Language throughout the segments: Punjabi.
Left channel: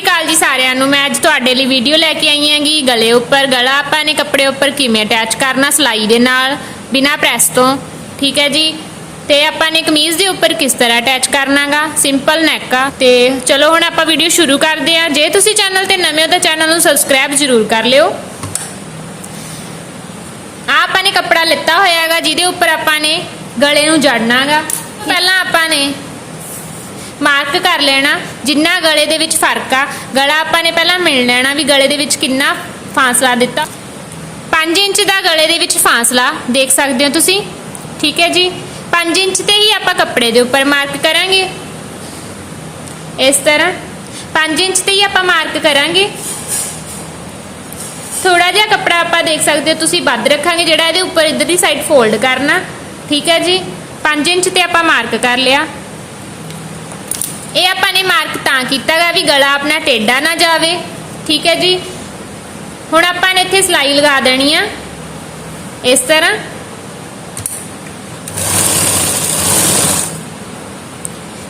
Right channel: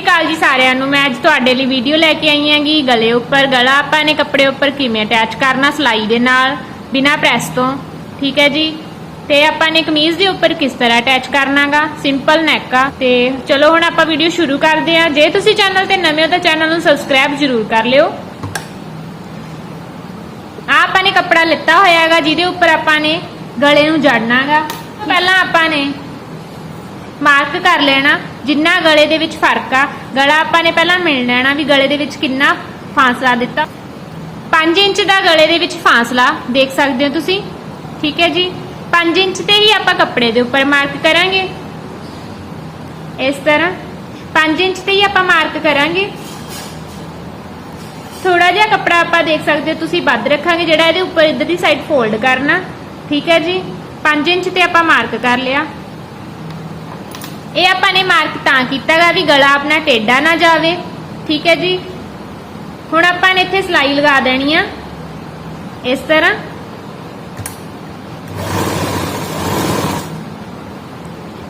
ਸ਼੍ਰੀ ਅਕਾਲ ਜੀ ਸਾਰਿਆਂ ਨੂੰ। ਮੈਂ ਅੱਜ ਤੁਹਾਡੇ ਲਈ ਵੀਡੀਓ ਲੈ ਕੇ ਆਈ ਹਾਂਗੀ। ਗਲੇ ਉੱਪਰ, ਗਲਾ ਆਪਾਂ ਨੇ ਕੱਪੜੇ ਉੱਪਰ ਕਿਵੇਂ ਅਟੈਚ ਕਰਨਾ, ਸਲਾਈ ਦੇ ਨਾਲ, ਬਿਨਾ ਪ੍ਰੈਸ ਤੋਂ। ਠੀਕ ਹੈ ਜੀ? ਤੇ ਆਪਾਂ ਨੇ ਕਮੀਜ਼ ਦੇ ਉੱਪਰ ਕਿਸ ਤਰ੍ਹਾਂ ਅਟੈਚ ਕਰਨਾਗਾ? ਸਿੰਪਲ ਨੈਕ ਆ। ਤੇ ਚਲੋ ਹੁਣ ਆਪਾਂ ਵੀਡੀਓ ਸ਼ੁਰੂ ਕਰਦੇ ਹਾਂ। ਜੇ ਤੁਸੀਂ ਚੈਨਲ ਤੇ ਨਵੇਂ ਹੋ ਤਾਂ ਚੈਨਲ ਨੂੰ ਸਬਸਕ੍ਰਾਈਬ ਜ਼ਰੂਰ ਕਰ ਲਿਓ। ਆ ਆਪਾਂ ਨੇ ਕੱਪੜਾ ਲਿੱਤਾ ਹੋਇਆ ਹੈਗਾ ਜਿਹਦੇ ਉੱਪਰ ਆਪਾਂ ਨੇ ਗਲੇ ਨੂੰ ਜੜਨਾਗਾ। ਪਹਿਲਾਂ ਆਪਾਂ ਨੇ ਮਾਰਕ ਕਰ ਲੈਣਾ। ਜਿੰਨਾ ਗਲੇ ਦੇ ਵਿੱਚ ਫ਼ਰਕ ਆ, ਗਲਾ ਆਪਾਂ ਨੇ ਪਹਿਲਾਂ ਮਿਲ ਲੈਣਾ ਵੀ ਗਲੇ ਦੇ ਵਿੱਚ ਕਿੰਨਾ ਫਾਸਲਾ ਦਿੱਤਾ। 5 ਇੰਚ ਦਾ ਗਲੇ ਦੇ ਵਿੱਚ ਫਾਸਲਾ, ਦੇਖ ਸਕਦੇ ਹੋ ਤੁਸੀਂ? ਠੀਕ ਹੈ ਜੀ? 5 ਇੰਚ ਤੇ ਹੀ ਆਪਾਂ ਕੱਪੜੇ ਦੇ ਉੱਪਰ ਮਾਰਕ ਕਰਾਂਗੇ। ਇਸ ਤਰ੍ਹਾਂ। 5 ਇੰਚ ਤੇ ਹੀ ਆਪਾਂ ਮਾਰਕ ਕਰਾਂਗੇ। ਥੋੜਾ ਜਿਹਾ ਕੱਪੜਾ ਆਪਾਂ ਦੇਖ ਸਕਦੇ ਹੋ ਤੁਸੀਂ, ਵੱਧ ਰੱਖਾਂਗੇ ਜਿਹੜਾ ਇਹਦੇ ਉੱਪਰ ਇਧਰ ਦੀ ਸਾਈਡ ਫੋਲਡ ਕਰਨਾ। ਠੀਕ ਹੈ ਜੀ? 5 ਇੰਚ ਤੇ ਆਪਾਂ ਮਾਰਕ ਕਰ ਲਿਆ। ਇਹ ਆਪਾਂ ਨੇ ਮਾਰਕ ਤਾਂ ਕੀਤਾਗਾ ਵੀ ਗਲਾ ਆਪਣਾ ਟੇਢਾ ਨਾ ਜਾਵੇ। ਠੀਕ ਹੈ ਜੀ? ਹੁਣ ਆਪਾਂ ਨੇ ਇੱਥੇ ਸਲਾਈ ਲਗਾ ਦੇਣੀ ਆ। ਇਸ ਤਰ੍ਹਾਂ।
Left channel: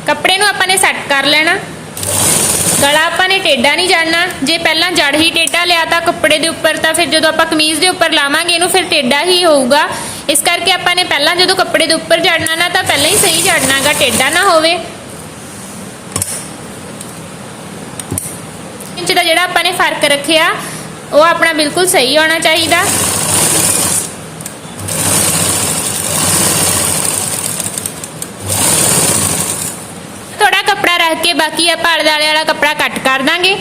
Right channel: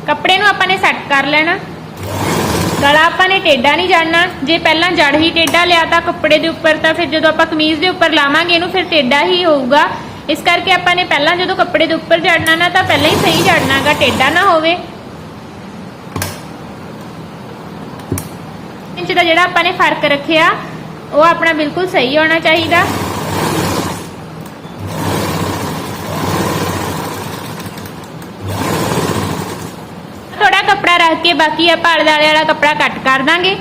ਕੱਪੜੇ ਨੂੰ ਆਪਾਂ ਨੇ ਸੈੱਟ ਕਰ ਲੈਣਾ। ਗਲਾ ਆਪਾਂ ਨੇ ਟੇਢਾ ਨਹੀਂ ਜਾਣਨਾ। ਜੇ ਪਹਿਲਾਂ ਜੜ ਹੀ ਟੇਢਾ ਲਿਆ ਤਾਂ ਕੱਪੜੇ ਦੇ ਉੱਪਰ ਤਾਂ ਫਿਰ ਜਦੋਂ ਆਪਾਂ ਕਮੀਜ਼ ਦੇ ਉੱਪਰ ਲਾਵਾਂਗੇ, ਇਹਨੂੰ ਫਿਰ ਟੇਢਾ ਹੀ ਹੋਊਗਾ। ਇਸ ਕਰਕੇ ਆਪਾਂ ਨੇ ਪਹਿਲਾਂ ਜਦੋਂ ਕੱਪੜੇ ਦੇ ਉੱਪਰ ਜੜਨਾ ਨਾ, ਤਾਂ ਪਹਿਲਾਂ ਹੀ ਸਹੀ ਜੜਨਾਗਾ ਟੇਢਾ ਨਾ ਹੋਵੇ। ਇੰਚ ਦਾ ਜਿਹੜਾ ਆਪਾਂ ਨੇ ਫ਼ਰਕ ਰੱਖਿਆ, ਉਹ ਆਪਣਾ ਬਿਲਕੁਲ ਸਹੀ ਹੋਣਾ ਚਾਹੀਦਾ। ਥੋੜਾ ਕੱਪੜਾ ਰੱਖ ਕੇ ਬਾਕੀ ਆਪਾਂ ਆਲੇ ਦੁਆਲੇ ਵਾਲਾ ਕੱਪੜਾ ਕੱਟ ਕਰ ਦਾਂਗੇ।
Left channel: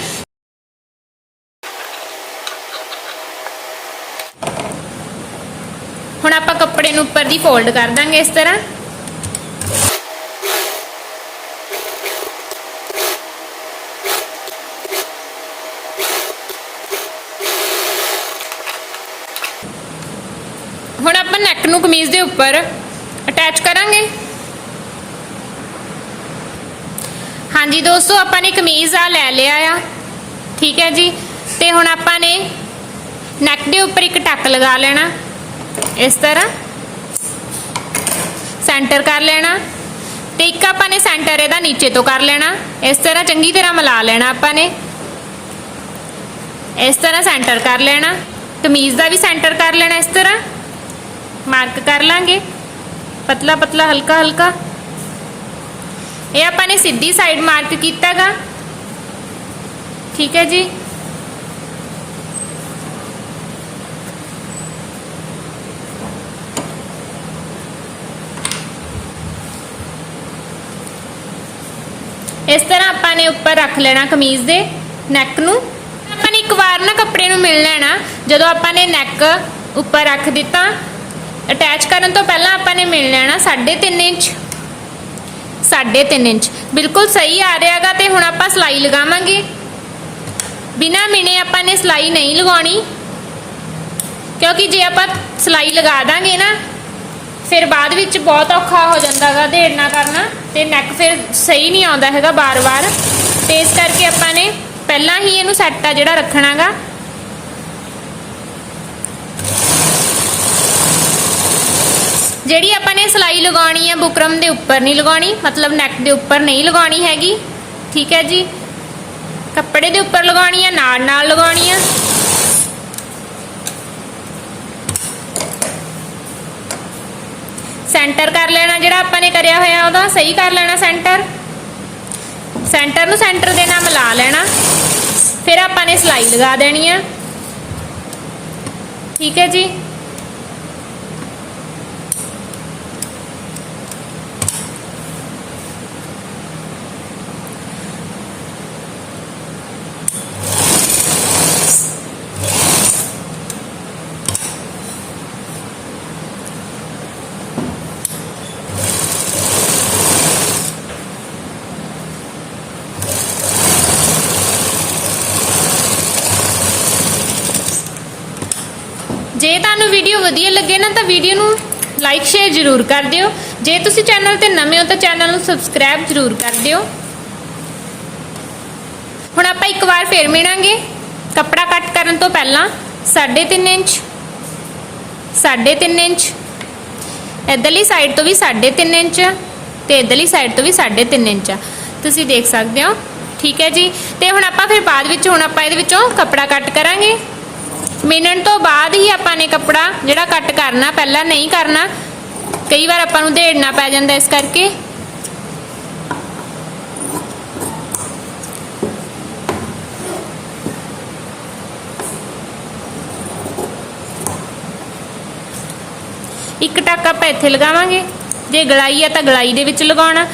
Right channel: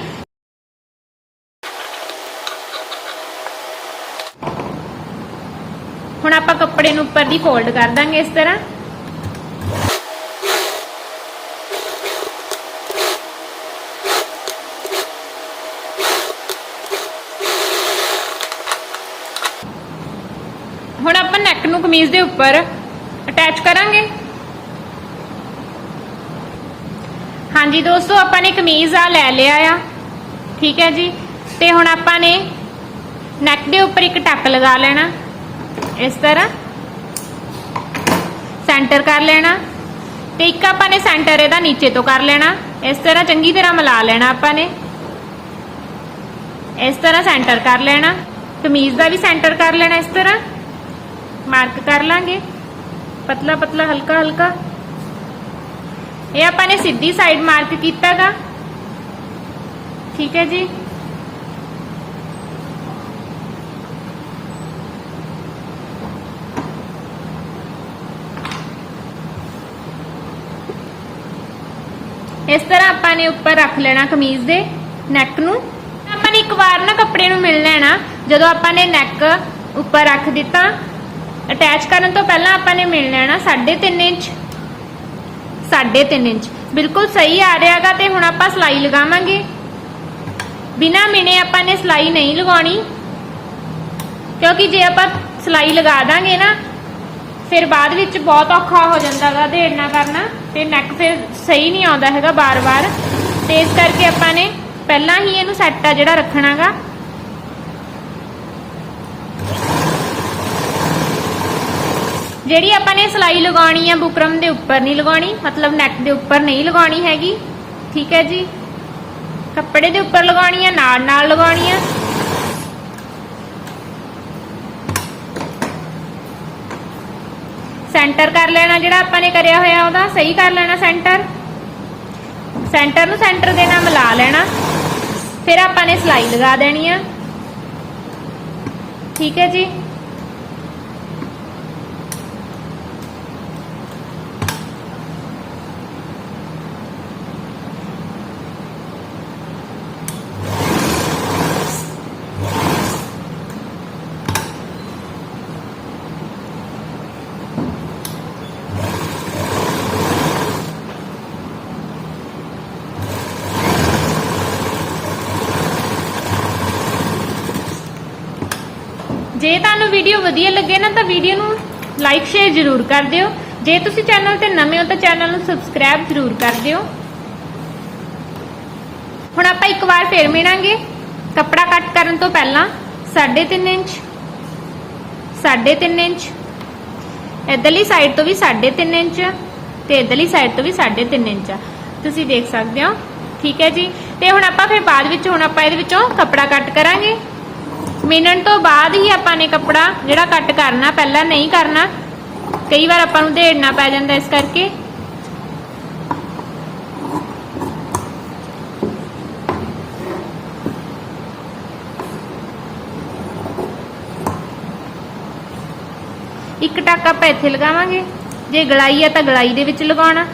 ਹੁਣ ਆਪਾਂ ਕੱਪੜੇ ਨੂੰ ਉੱਪਰ ਦੀ ਫੋਲਡ ਕਰ ਦਾਂਗੇ ਇਸ ਤਰ੍ਹਾਂ ਹੁਣ ਆਪਾਂ ਨੈਕ ਨੂੰ ਕਮੀਜ਼ ਦੇ ਉੱਪਰ ਅਟੈਚ ਕਰਾਂਗੇ। ਹਾਂਜੀ ਦੋਸਤੋ, ਆਪਾਂ ਨੇ ਕਮੀਜ਼ ਆ ਲੈ ਲਿਆ ਆ। ਠੀਕ ਹੈ ਜੀ? ਤੇ ਹੁਣ ਆਪਾਂ ਨੇ ਨੈਕ ਦੇ ਉੱਪਰ ਇੱਕ ਟੱਕ ਲਗਾ ਲੈਣਾ। ਇਸ ਤਰ੍ਹਾਂ ਸੈਂਟਰ ਕਰ ਲੈਣਾ। ਤੇ ਇੱਕ ਆਪਾਂ ਨੇ ਸੈਂਟਰ ਇਹਦਾ ਨੀਚੇ ਤੋਂ ਕਰ ਲੈਣਾ। ਇਸ ਤਰ੍ਹਾਂ ਚੰਗੀ ਤਰ੍ਹਾਂ ਮਿਲਾ ਲੈਣਾ ਆਪਾਂ ਨੇ। ਇਸ ਤਰ੍ਹਾਂ ਸੈਂਟਰ ਕਰ ਲੈਣਾ। ਕਮੀਜ਼ ਦਾ ਵੀ ਸੈਂਟਰ ਕਰ ਲੈਣਾ ਇਸ ਤਰ੍ਹਾਂ। ਮਾਰਕ ਕਰ ਲਾਂਗੇ। ਪਤਲਾ ਪਤਲਾ, ਹਲਕਾ ਹਲਕਾ। ਇਹ ਆਪਾਂ ਨੇ ਸਿੱਧੀ ਸਾਈਡ ਮਾਰਕ ਕੀਤਾਗਾ। ਠੀਕ ਹੈ ਜੀ? ਇਸ ਤਰ੍ਹਾਂ ਆਪਾਂ ਨੇ ਉੱਪਰ ਰੱਖ ਲੈਣਾ ਕਮੀਜ਼ ਦੇ ਨੈਕ ਨੂੰ। ਆਪਾਂ ਨੇ ਇੱਕ ਵਾਰ ਨਾ ਕੱਪੜੇ ਨੂੰ ਮਿਲ ਲੈਣਾ। ਜਦੋਂ ਆਪਾਂ ਨੇ ਨੈਕ ਉੱਪਰ ਰੱਖ ਦਿੱਤਾ ਅਟੈਚ ਕਰਨ ਤੋਂ ਪਹਿਲਾਂ ਆਪਾਂ ਨੇ ਮਿਲ ਲੈਣਾ 3.5 ਇੰਚ। 3.5 ਇੰਚ। ਬਿਲਕੁਲ ਸਹੀ ਆ ਰਿਹਾਗਾ ਤੇ ਹੁਣ ਆਪਾਂ ਸਲਾਈ ਲਗਾਵਾਂਗੇ। ਬਿਨਾ ਮਿਣੇ ਆਪਾਂ ਨੇ ਸਲਾਈ ਨਹੀਂ ਲਗਾਉਣੀ। ਕਿਉਂਕਿ ਜੇ ਆਪਾਂ ਸਲਾਈ ਲਗਾ ਦਾਂਗੇ ਨਾ, ਫਿਰ ਬਾਅਦ ਵਿੱਚ ਬਹੁਤ ਔਖਾ ਹੋ ਜਾਂਦਾਗਾ ਢੇੜਨਾ ਕਰਨਾ। ਤੇ ਨੈਕ ਫਿਰ ਸਹੀ ਨਹੀਂ ਆਉਂਦਾ ਹੈਗਾ ਬਾਰ-ਬਾਰ। ਤੇ ਇਸ ਕਰਕੇ ਆਪਾਂ ਨੇ ਪਹਿਲਾਂ ਹੀ ਇਹਨੂੰ ਸੈੱਟ ਆ ਜਿਹੜਾ ਰੱਖਣਾਗਾ ਜਿਹੜੀ ਆਪਾਂ ਨੇ ਸਲਾਈ ਲਗਾਉਣੀ ਆ ਬੁਕਰਮ ਦੇ ਉੱਪਰ ਨਹੀਂ ਲਗਾਉਣੀ, ਮਤਲਬ ਨੈਕ ਦੇ ਉੱਪਰ ਨਹੀਂ ਲਗਾਉਣੀ ਹੈਗੀ, ਠੀਕ ਹੈ ਜੀ? ਕੱਪੜੇ ਦੇ ਉੱਪਰ ਲਗਾਉਣੀ ਆ, ਨਾਲ ਨਾਲ ਲਗਾਉਣੀ ਆ। ਸੈਂਟਰ ਕਰ ਲੈਣਾ ਜਿਹੜਾ ਆਪਾਂ ਨੇ ਕਰਿਆ ਹੋਇਆ ਉਹਦਾ, ਸਹੀ ਕਰ ਲੈਣਾ ਸੈਂਟਰ ਸੈਂਟਰ ਨੂੰ ਸੈਂਟਰ ਦੇ ਨਾਲ ਮਿਲਾ ਲੈਣਾ। ਫਿਰ ਆਪਾਂ ਨੇ ਸਲਾਈ ਲਗਾ ਦੇਣੀ ਆ। ਠੀਕ ਹੈ ਜੀ? ਤੁਹਾਨੂੰ ਵੀਡੀਓ ਵਧੀਆ ਲੱਗੇ ਨਾ, ਤਾਂ ਵੀਡੀਓ ਨੂੰ ਲਾਈਕ ਸ਼ੇਅਰ ਜ਼ਰੂਰ ਕਰ ਦਿਓ। ਜੇ ਤੁਸੀਂ ਚੈਨਲ ਤੇ ਨਵੇਂ ਹੋ, ਤਾਂ ਚੈਨਲ ਨੂੰ ਸਬਸਕ੍ਰਾਈਬ ਜ਼ਰੂਰ ਕਰ ਦਿਓ। ਹੁਣ ਆਪਾਂ ਇੱਕ ਵਾਰ ਫੇਰ ਮਿਲਾਂਗੇ। ਕੱਪੜਾ ਕੱਟ ਕਰਨ ਤੋਂ ਪਹਿਲਾਂ 3.5 ਇੰਚ 3.5 ਇੰਚ। ਇਧਰਲੀ ਸਾਈਡ ਤੋਂ ਵੀ 3.5 ਇੰਚ ਤੇ ਇਧਰਲੀ ਸਾਈਡ ਤੋਂ ਵੀ 3.5 ਇੰਚ। ਤੁਸੀਂ ਦੇਖ ਸਕਦੇ ਹੋ। ਠੀਕ ਹੈ ਜੀ। ਤੇ ਹੁਣ ਆਪਾਂ ਫਿਰ ਬਾਅਦ ਵਿੱਚ, ਹੁਣ ਆਪਾਂ ਇਹਦੇ ਵਿੱਚੋਂ ਕੱਪੜਾ ਕੱਟ ਕਰਾਂਗੇ। ਮਿਣਨ ਤੋਂ ਬਾਅਦ ਹੀ ਆਪਾਂ ਨੇ ਕੱਪੜਾ ਜਿਹੜਾ ਕੱਟ ਕਰਨਾ, ਪਹਿਲਾਂ ਨਹੀਂ ਕਰਨਾ, ਕਈ ਵਾਰ ਆਪਾਂ ਨੂੰ ਢੇੜਨਾ ਪੈ ਜਾਂਦਾ ਇਸ ਕਰਕੇ। ਇੱਕ ਟੱਕ ਆਪਾਂ ਇੱਥੇ ਲਗਾਵਾਂਗੇ। ਜੇ ਗਲਾਈ ਆ ਤਾਂ ਗਲਾਈ ਦੇ ਵਿੱਚ ਲਗਾਉਣਾ।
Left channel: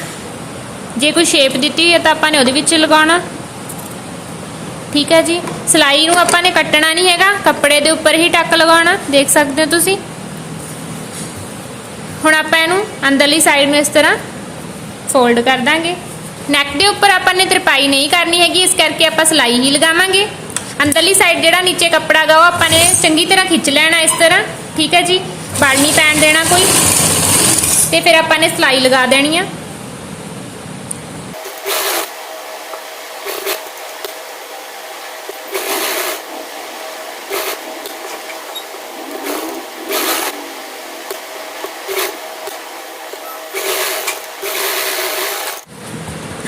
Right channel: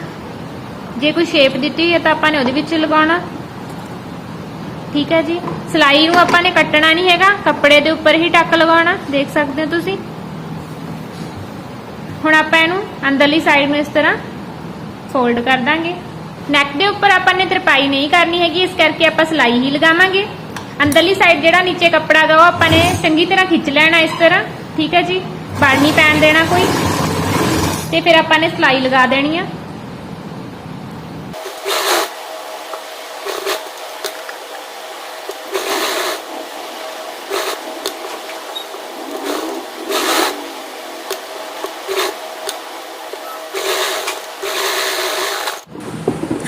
ਜੇ ਕੋਈ ਸ਼ੇਪ ਦਿੱਤੀ ਹੋਈ ਹੈ ਤਾਂ ਆਪਾਂ ਨੇ ਉਹਦੇ ਵਿੱਚ ਲਗਾਉਣਾ। ਠੀਕ ਹੈ ਜੀ। ਸਲਾਈ ਨੂੰ ਆਪਾਂ ਨੇ ਕੱਟਣਾ ਨਹੀਂ ਹੈਗਾ। ਕੱਪੜੇ ਦੇ ਉੱਪਰ ਹੀ ਟੱਕ ਲਗਾਉਣਾ। ਦੇਖ ਸਕਦੇ ਹੋ ਤੁਸੀਂ। ਹੁਣ ਆਪਾਂ ਇਹਨੂੰ ਅੰਦਰਲੀ ਸਾਈਡ ਨੂੰ ਇਸ ਤਰ੍ਹਾਂ ਫੋਲਡ ਕਰ ਦਾਂਗੇ। ਨੈਕ ਦੇ ਉੱਪਰ ਆਪਾਂ ਨੇ ਤਰਪਾਈ ਨਹੀਂ ਕਰਨੀ ਹੈਗੀ। ਇਸ ਕਰਕੇ ਆਪਾਂ ਸਲਾਈ ਹੀ ਲਗਾਵਾਂਗੇ। ਅੰਦਰਲੀ ਸਾਈਡ ਜਿਹੜਾ ਨੀਚੇ ਕੱਪੜਾ ਗਾ ਉਹ ਆਪਾਂ ਨੇ ਚੰਗੀ ਤਰ੍ਹਾਂ ਖਿੱਚ ਲੈਣਾ ਇਸ ਤਰ੍ਹਾਂ। ਠੀਕ ਹੈ ਜੀ। ਵੜ ਨਹੀਂ ਪੈਣ ਦੇਣਾ ਕੋਈ। ਤੇ ਫਿਰ ਆਪਾਂ ਨੇ ਸਲਾਈ ਲਗਾ ਦੇਣੀ ਆ।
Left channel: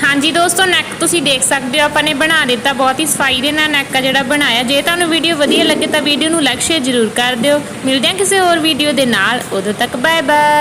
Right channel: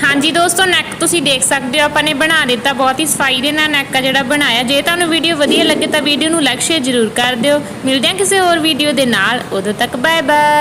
ਹਾਂਜੀ ਦੋਸਤੋ ਨੈਕ ਤੁਸੀਂ ਦੇਖ ਸਕਦੇ ਹੋ, ਆਪਾਂ ਨੇ ਬਣਾ ਦਿੱਤਾ, ਬਹੁਤ ਹੀ ਸਫ਼ਾਈ ਦੇ ਨਾਲ ਨੈਕ ਆ ਜਿਹੜਾ ਬਣਾਇਆ। ਜੇ ਤੁਹਾਨੂੰ ਵੀਡੀਓ ਵਧੀਆ ਲੱਗੇ ਤਾਂ ਵੀਡੀਓ ਨੂੰ ਲਾਈਕ ਸ਼ੇਅਰ ਜ਼ਰੂਰ ਕਰ ਦਿਓ। ਮਿਲਦੇ ਹਾਂ ਕਿਸੇ ਹੋਰ ਵੀਡੀਓ ਦੇ ਨਾਲ, ਉਦੋਂ ਤੱਕ ਬਾਏ ਬਾਏ